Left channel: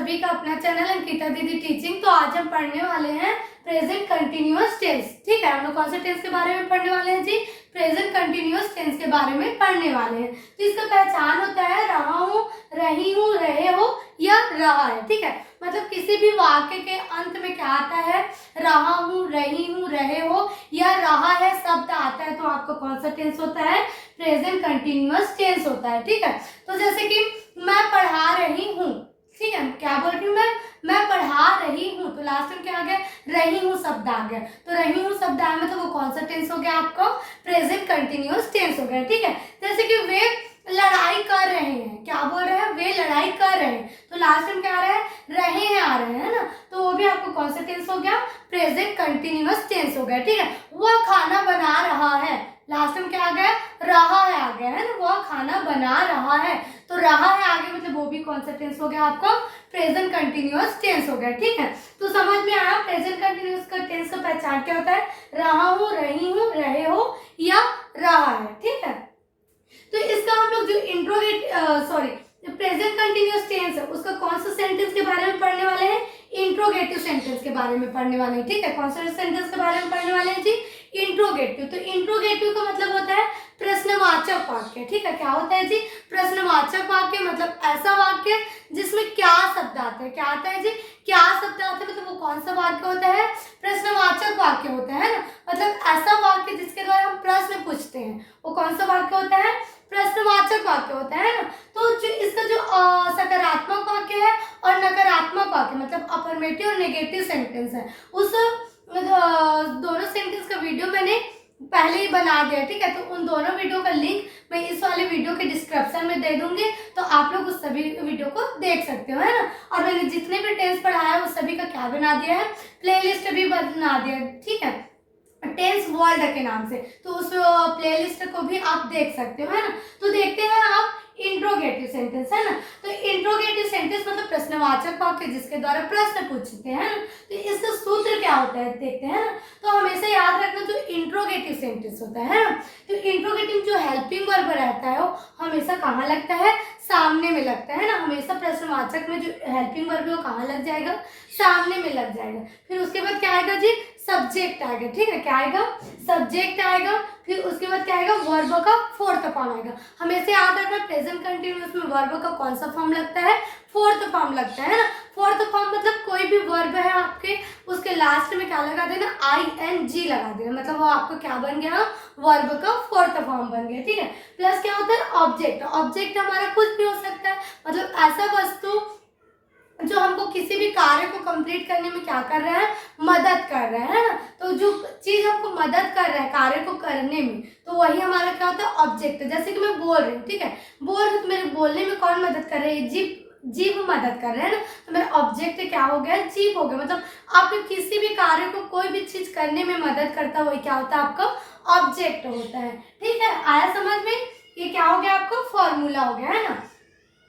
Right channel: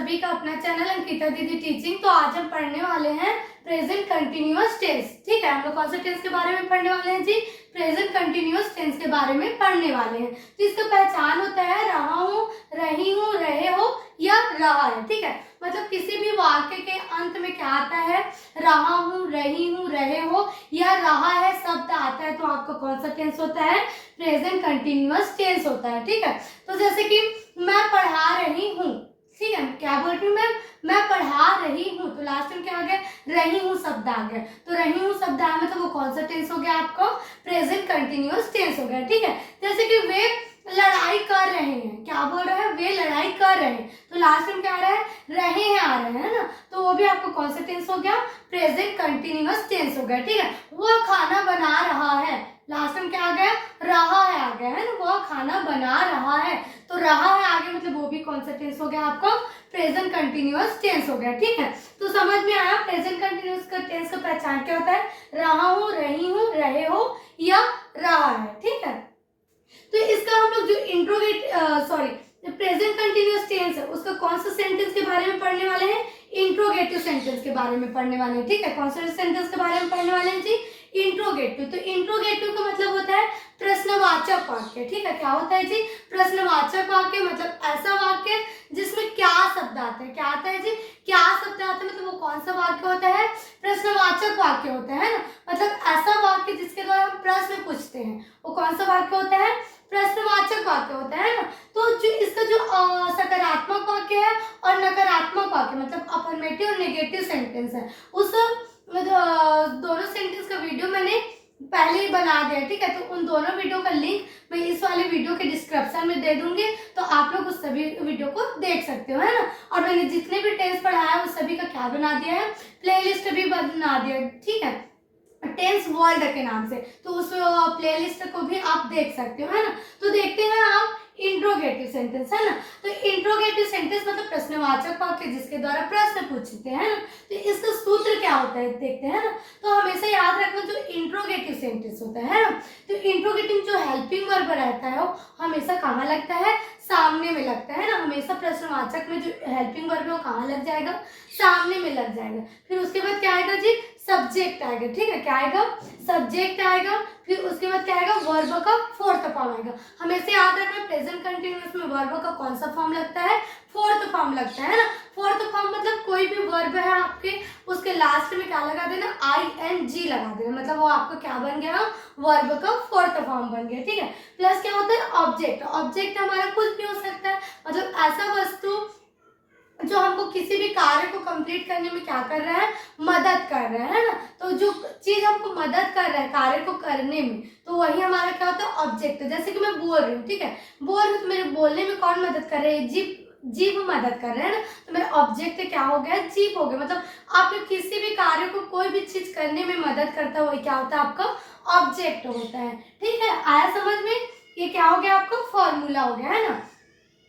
सभी का अपना चैनल अंकिता दीदी टीचिंग। तो आज हम पढ़ने वाले हैं प्रेजेंट कंटिन्यूअस टेंस। ठीक है, हम लोग कौन से टेंस के बारे में पढ़ने वाले हैं जी? प्रेजेंट कंटिन्यूअस टेंस के बारे में पढ़ने वाले हैं। तो इसका पहचान होता है रहा हूँ, रही हूँ, रहे हो या रहा है। ठीक है, मतलब किसी भी वाक्य के अंत में क्या आता है? रहा हूँ, रही हूँ, रहे हो या रहा है शब्द आता है तो आपका कौन सा टेंस होता है? प्रेजेंट कंटिन्यूअस टेंस होता है। ठीक है, तो जैसे कि मैं पढ़ा रही हूँ। ठीक है, क्या बोल रही हूँ मैं पढ़ा रही हूँ, तो लास्ट में क्या आ गया? रही हूँ शब्द आ गया। तो रही हूँ शब्द आया मतलब वो कौन सा टेंस हो गया आपका? प्रेजेंट कंटिन्यूअस टेंस हो गया। ठीक है, जैसे कि वे लड़ाई कर रहे हैं, क्या बोल रहे हैं? वे लड़ाई कर रहे हैं, तो लास्ट में क्या आ रहा है? रहे हैं आ रहे हैं ना, तो वो भी आपको कौन सा टेंस हो गया? प्रेजेंट कंटिन्यूअस टेंस हो गया। ठीक है, वह खाना बना रहा है, लास्ट में क्या आ गया? रहा है आ गया है ना, वह खाना बना रहा है, तो रहा है आगे मतलब वो भी कौन सा टेंस हो गया आपका? प्रेजेंट कंटिन्यूअस टेंस हो गया। ठीक है, तो समझ में आया प्रेजेंट कंटिन्यूअस का टेंस का पहचान क्या होता है? रहा हूँ, रही हूँ, रहे हो या रहा है। ठीक है, तो इसका हम लोग जो प्रेजेंट कंटिन्यूअस टेंस है उसका कौन सा सेंटेंस के बारे में पढ़ने वाले हैं? इंट्रोगेटिव सेंटेंस के बारे में पढ़ने वाले हैं। ठीक है, कौन सा सेंटेंस के बारे में पढ़ने वाले हैं जी? इंट्रोगेटिव। तो इंट्रोगेटिव का मतलब होता है प्रश्नवाचक वाक्य। ठीक है, क्या होता है जी? प्रश्नवाचक वाक्य मतलब ऐसा वाक्य जिसमें क्या शब्द आता है? क्या आता है जी? क्या शब्द आता है, मतलब वो कौन सा वाक्य होता है? प्रश्नवाचक वाक्य होता है ना, मतलब ऐसा वाक्य जिसके द्वारा हम प्रश्न पूछते हैं वो कौन सा वाक्य होता है? प्रश्नवाचक वाक्य होता है ना। तो जो इसका जो सकारात्मक वाक्य है और नकारात्मक वाक्य मतलब अफर्मेटिव और नेगेटिव सेंटेंस है, उस दोनों सेंटेंस का वीडियो मैंने पहले ही बना दिया। ठीक है, तो उन दोनों वीडियो का लिंक मैं इस वाले वीडियो के डिस्क्रिप्शन में दे दूंगी, तो आप लोग उस सभी वीडियो को देख सकते हो, है ना। और मैंने जितने भी टेंस पढ़ाया है उस सभी का क्या बना दिया है? प्लेलिस्ट भी बना दिया है। ठीक है, टेंस वर्ल्ड के नाम से, तो उस प्लेलिस्ट को भी आप देख सकते हो, है ना। तो देखते हैं आप इंट्रोगेटिव सेंटेंस, है ना। तो इंट्रोगेटिव सेंटेंस मतलब प्रश्नवाचक वाक्य जिसके द्वारा प्रश्न पूछते हैं ना, तो इसका सूत्र क्या होता है देखते हैं ना। तो हमेशा याद रखना जो इंट्रोगेटिव सेंटेंस होता है ना, तो इंट्रोगेटिव जो हेल्पिंग वर्ब रहता है वो हमेशा कहाँ लगता है? सामने में लगता है ना। हमेशा प्रश्नवाचक में जो हेल्पिंग वर्ब है वो कहाँ लग जाएगा? सामने में लग जाएगा। फिर उसके बाद क्या आएगा जी? सब्जेक्ट आएगा। ठीक है, क्या आएगा? सब्जेक्ट आएगा। फिर उसके बाद क्या आएगा? वर्ब का फोर्थ फॉर्म आएगा। हमेशा याद रखना प्रेजेंट कंटिन्यूअस में वर्ब का कौन सा फॉर्म लगता है? फोर्थ फॉर्म लगता है ना। फोर्थ फॉर्म मतलब कोई भी वर्ब है आपके उसके लास्ट में क्या लगा देना? ING लगा देना, मतलब वो आपका क्या बन गया? वर्ब का फोर्थ फॉर्म बन गया। ठीक है, प्लस क्या होता है? ऑब्जेक्ट। ऑब्जेक्ट हमारा कुछ भी हो सकता है, मतलब ऐसा वस्तु जो हमको किसी भी कार्य को कंप्लीट करने में क्या कर रहा है? मदद कर रहा है ना। तो जो चीज हमको मदद कर रहा है कार्य को करने में, तो वही हमारा क्या होता है? ऑब्जेक्ट। जैसे कि मैं बोल रही हूँ, ठीक है, बोल रही हूँ तो मेरे बोलने में कौन मदद कर रहा है? जीभ मदद कर रहे हैं ना, तो मेरा ऑब्जेक्ट क्या हो गया? जीभ हो गया। मतलब आपके किसी भी कार्य को कोई भी चीज करने में मदद करता हुआ क्या होता है? आपका ऑब्जेक्ट होता है। ठीक है, आया समझ में? ये क्या हो गया? आपका फॉर्मूला हो गया, है ना।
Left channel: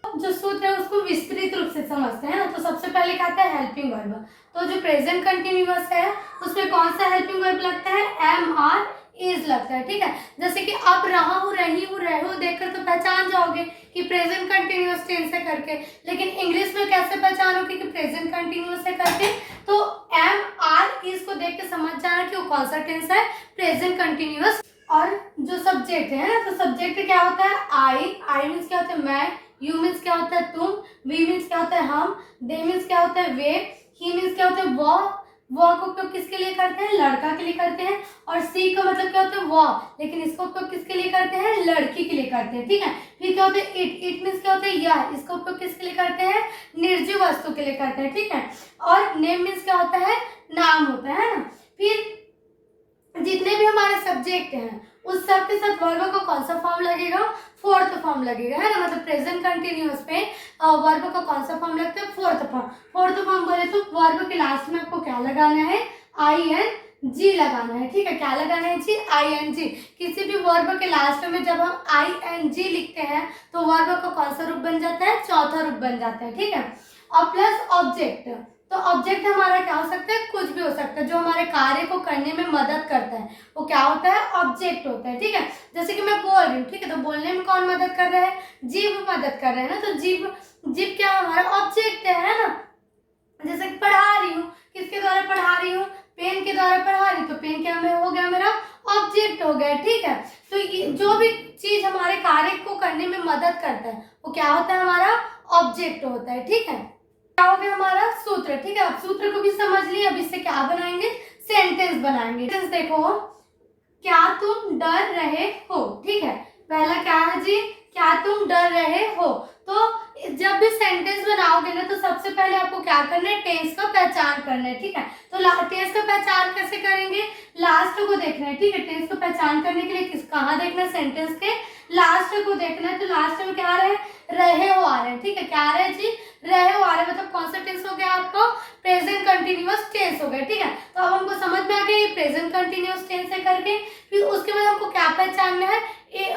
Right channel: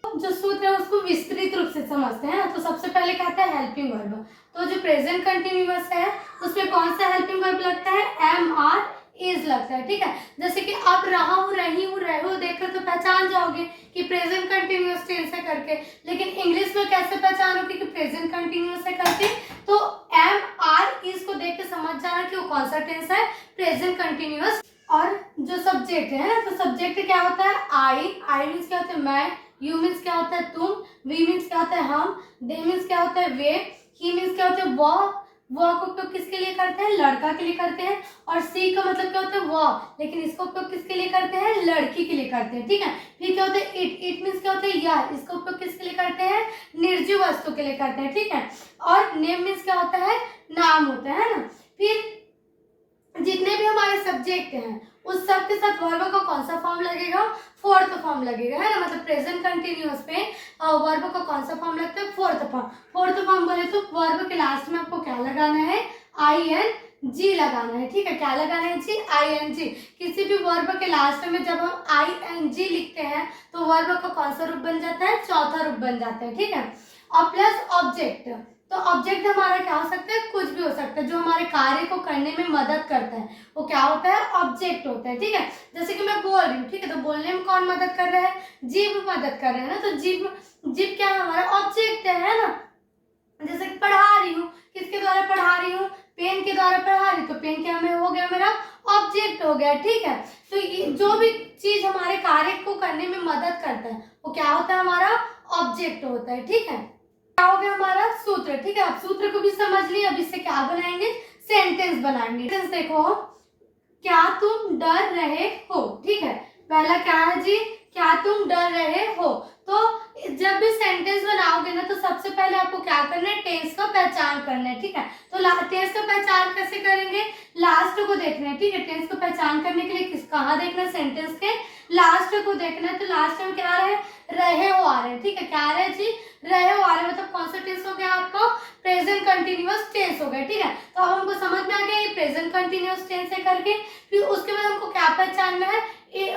जो सूत्र है उसको विस्तृत रूप से समझते हैं ना। तो सबसे पहले क्या आता है? Helping verb. तो जो प्रेजेंट कंटिन्यूअस है उसमें कौन सा हेल्पिंग वर्ब लगता है? MR इज लगता है। ठीक है, जैसे कि आप रहा हूँ, रही हूँ, रहे हो देखकर तो पहचान जाओगे कि प्रेजेंट कंटिन्यूअस टेंस है करके, लेकिन इंग्लिश में कैसे पहचानोगे कि प्रेजेंट कंटिन्यूअस है करके? तो MR इज को देख के समझ जाना कि वो कौन सा टेंस है? Present continuous. और जो सब्जेक्ट है तो सब्जेक्ट क्या होता है? आई मीन्स क्या होता है? मैं। यू मीन्स क्या होता है? तुम। वी मीन्स क्या होता है? हम। दे मीन्स क्या होता है? वे। ही मीन्स क्या होता है? वह को उपयोग किसके लिए करते हैं? लड़का के लिए करते हैं। और सी का मतलब क्या होता है? वह, लेकिन इसका उपयोग किसके लिए करते हैं? लड़की के लिए करते हैं। ठीक है, फिर क्या होता है? इट मीन्स क्या होता है? यह, इसका उपयोग किसके लिए करते हैं? निर्जीव वस्तु के लिए करते हैं। ठीक है, और नेम मीन्स क्या होता है? नाम होता है ना। फिर जितने भी हमारे सब्जेक्ट हैं उस सब के साथ वर्ब का कौन सा फॉर्म लगेगा? फोर्थ फॉर्म लगेगा, है ना। मतलब प्रेजेंट कंटिन्यूअस पे वर्ब का कौन सा फॉर्म लगता है? Fourth form. फोर्थ फॉर्म बोले तो वर्ब के लास्ट में आपको क्या लगाना है? ING लगाना है। ठीक है, क्या लगाना है जी? ING। किसी भी वर्ब के लास्ट में जब हम ING लिखते हैं तो वर्ब का कौन सा रूप बन जाता है? चौथा रूप बन जाता है। ठीक है, और प्लस ऑब्जेक्ट। तो ऑब्जेक्ट हमारा क्या हो सकता है? कुछ भी हो सकता है जो हमारे कार्य को करने में मदद करता है वो क्या होता है? ऑब्जेक्ट होता है। ठीक है, जैसे कि मैं बोल रही हूँ, ठीक है, तो बोलने में कौन मदद कर रहा है? जीभ मदद कर रहा है ना। तो जीभ क्या है? हमारा ऑब्जेक्ट है ना। द्वारा पढ़ा रही, तो पेन क्या में हो गया मेरा ऑब्जेक्ट हो गया, ठीक है। तो ये जो भी चीज हमारे कार्य को करने में मदद करता है वो क्या होता है, हमारा ऑब्जेक्ट होता है, ठीक है। क्या हो गया हमारा सूत्र, ठीक है। अब सूत्र को भी समझ लिए, अब इससे क्या बनाएंगे, सेंटेंस बनाएंगे। सेंटेंस देखो, क्या तुम डर रहे हो, ठीक है। पहला क्या है जी, क्या तुम डर रहे हो। तो जब भी सेंटेंस बनाओगे ना तो सबसे पहले आपको क्या करना है, टेंस का पहचान करना है, ठीक है। तो टेंस का पहचान कैसे करेंगे, लास्ट को देखना है, ठीक है। टेंस को पहचान करने के लिए कहाँ देखना है, सेंटेंस के लास्ट को देखना है। तो लास्ट में क्या आ रहा है, रहे हो आ रहे हैं, ठीक है। क्या आ रहा है जी, रहे हो आ रहे हैं, मतलब कौन सा टेंस हो गया आपको, प्रेजेंट कंटिन्यूअस टेंस हो गया, ठीक है। तो अब हमको समझ में आ गया ये प्रेजेंट कंटिन्यूअस टेंस है करके। फिर उसके बाद हमको क्या पहचानना है,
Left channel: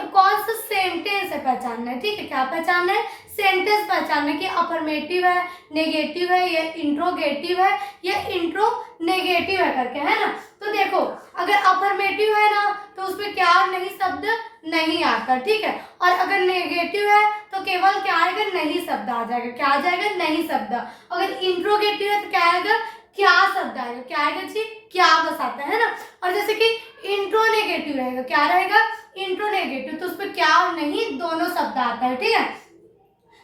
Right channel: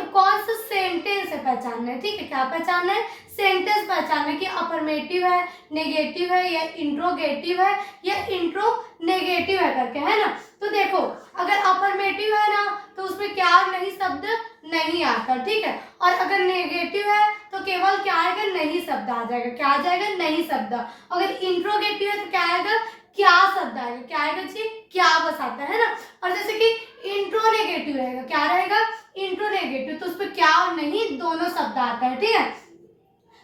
कौन सा सेंटेंस है पहचानना है, ठीक है। क्या पहचानना है, सेंटेंस पहचानना है कि अफर्मेटिव है, नेगेटिव है, या इंट्रोगेटिव है, या इंट्रोनेगेटिव है करके, है ना। तो देखो अगर अफर्मेटिव है ना तो उसमें क्या नहीं शब्द नहीं आता, ठीक है। और अगर नेगेटिव है तो केवल क्या आएगा, नहीं शब्द आ जाएगा। क्या आ जाएगा, नहीं शब्द। अगर इंट्रोगेटिव है तो क्या आएगा, क्या शब्द आएगा। क्या आएगा जी, क्या बस आता है ना। और जैसे कि इंट्रोनेगेटिव रहेगा, क्या रहेगा, इंट्रोनेगेटिव, तो उसमें क्या और नहीं दोनों शब्द आता है, ठीक है।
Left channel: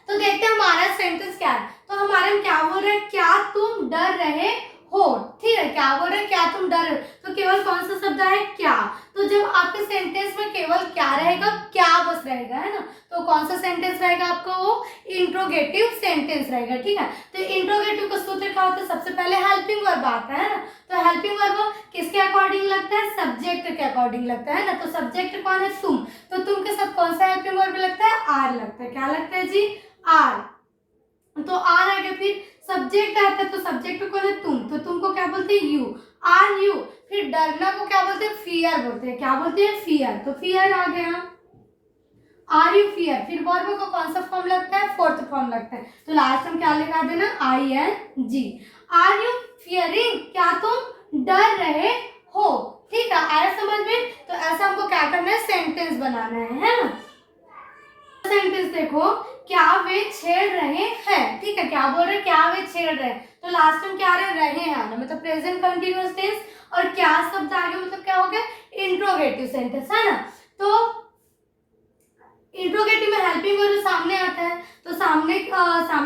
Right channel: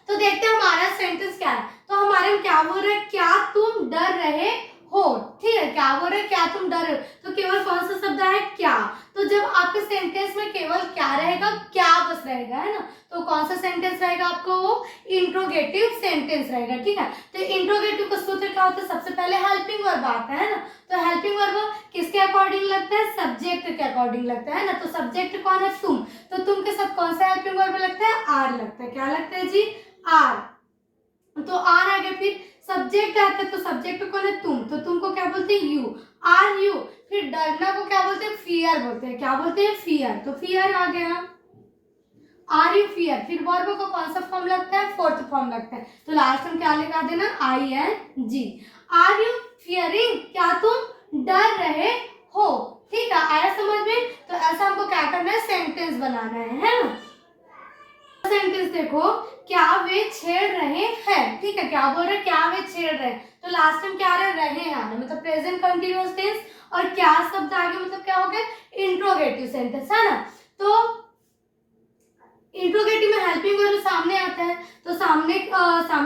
तो देखते हैं हमारा सेंटेंस क्या है। तो हमारे में क्या बोल रहे हैं, क्या तुम डर रहे हो, ठीक है। क्या बोल रहे हैं, क्या तुम डर रहे हो, तो केवल कौन सा शब्द है, क्या। तो जब आपके सेंटेंस में केवल क्या रहेगा, क्या बस रहेगा, है ना, तो कौन सा सेंटेंस रहेगा आपको, वो इंट्रोगेटिव सेंटेंस रहेगा, ठीक है। तो इंट्रोगेटिव का सूत्र क्या होता है, सबसे पहले हेल्पिंग वर्ब आता है ना। तो हेल्पिंग वर्ब किसके अकॉर्डिंग लगता है, सब्जेक्ट के अकॉर्डिंग लगता है ना। तो सब्जेक्ट कौन है, तुम, तो तुम के साथ कौन सा हेल्पिंग वर्ब लगता है, आर लगता है। क्या लगता है जी, आर। तो आर आ गया, फिर सब्जेक्ट आता है, तो सब्जेक्ट कौन है, तुम, तो तुमको क्या बोलते हैं, यू, आर यू। फिर डरना को क्या बोलते हैं, फियर बोलते हैं। क्या बोलते हैं, फियर, तो फियर आ गया, आर यू फियर। फिर वर्ब को कौन सा फॉर्म लगता है, फोर्थ फॉर्म लगता है। तो लास्ट में क्या लिखा देना, I N G. Are you fearing, क्या तुम डर रहे हो, ठीक है। आया समझ में। तो ऐसा हमको क्या करना है, सेंटेंस बनाना है ना। सेंटेंस देखो, क्या वे छेड़ रहे हैं, ठीक है। क्या बोल रहे हैं, क्या वे छेड़ रहे हैं। तो लास्ट में क्या आ रहा है, रहे हैं आना, मतलब प्रेजेंट कंटिन्यूअस टेंस। और क्या शब्द आ गया, मतलब क्या हो गया, इंट्रोगेटिव सेंटेंस, है ना। तो इंट्रोगेटिव में हेल्पिंग वर्ब सामने आता है, तो सामने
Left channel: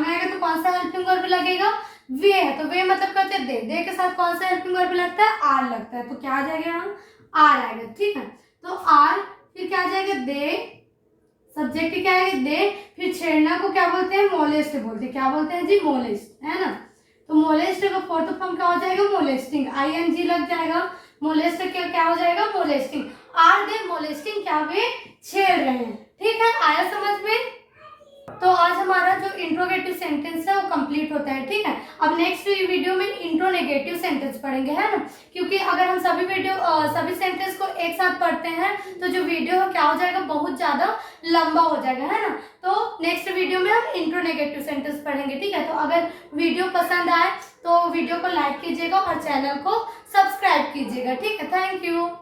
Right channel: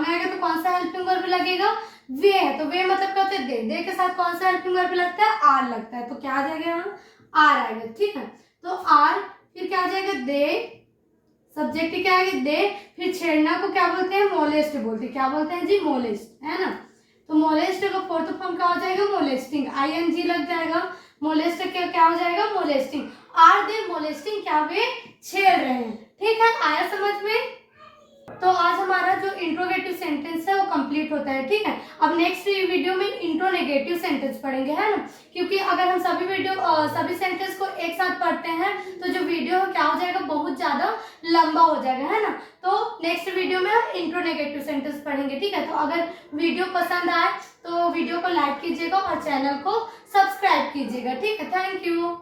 आएगा तो कौन सा हेल्पिंग वर्ब लगेगा, वे है। तो वे मतलब कहते हैं दे के साथ कौन सा हेल्पिंग वर्ब लगता है, आर लगता है। तो क्या आ जाएगा यहाँ, आर आएगा, ठीक है। तो आर, फिर क्या आ जाएगा, दे, सब्जेक्ट क्या है, दे। फिर छेड़ना को क्या बोलते हैं, मोलेस्ट बोलते हैं। क्या बोलते हैं जी, मोलेस्ट, है ना। तो मोलेस्ट का फोर्थ फॉर्म क्या हो जाएगा, मोलेस्टिंग, आईएनजी लग जाएगा। मोलेस्ट क्या हो जाएगा, मोलेस्टिंग। आर दे मोलेस्टिंग, क्या वे छेड़ रहे हैं, ठीक है। आया समझ में। तो आज हमारा जो इंट्रोगेटिव सेंटेंस है वो कंप्लीट होता है, ठीक है। अब नेक्स्ट वीडियो में इंट्रोनेगेटिव सेंटेंस पढ़ेंगे, है ना। क्योंकि अगर हम सभी सेंटेंस को एक साथ पढ़ते हैं तो जो वीडियो है क्या हो जाएगा, बहुत ज्यादा लंबा हो जाएगा, है ना। तो नेक्स्ट वीडियो में हम इंट्रोनेगेटिव सेंटेंस पढ़ेंगे, ठीक है। तो अगर वीडियो पसंद आए तो वीडियो को लाइक कीजिएगा और चैनल को सब्सक्राइब कीजिएगा, ठीक है। Thank you.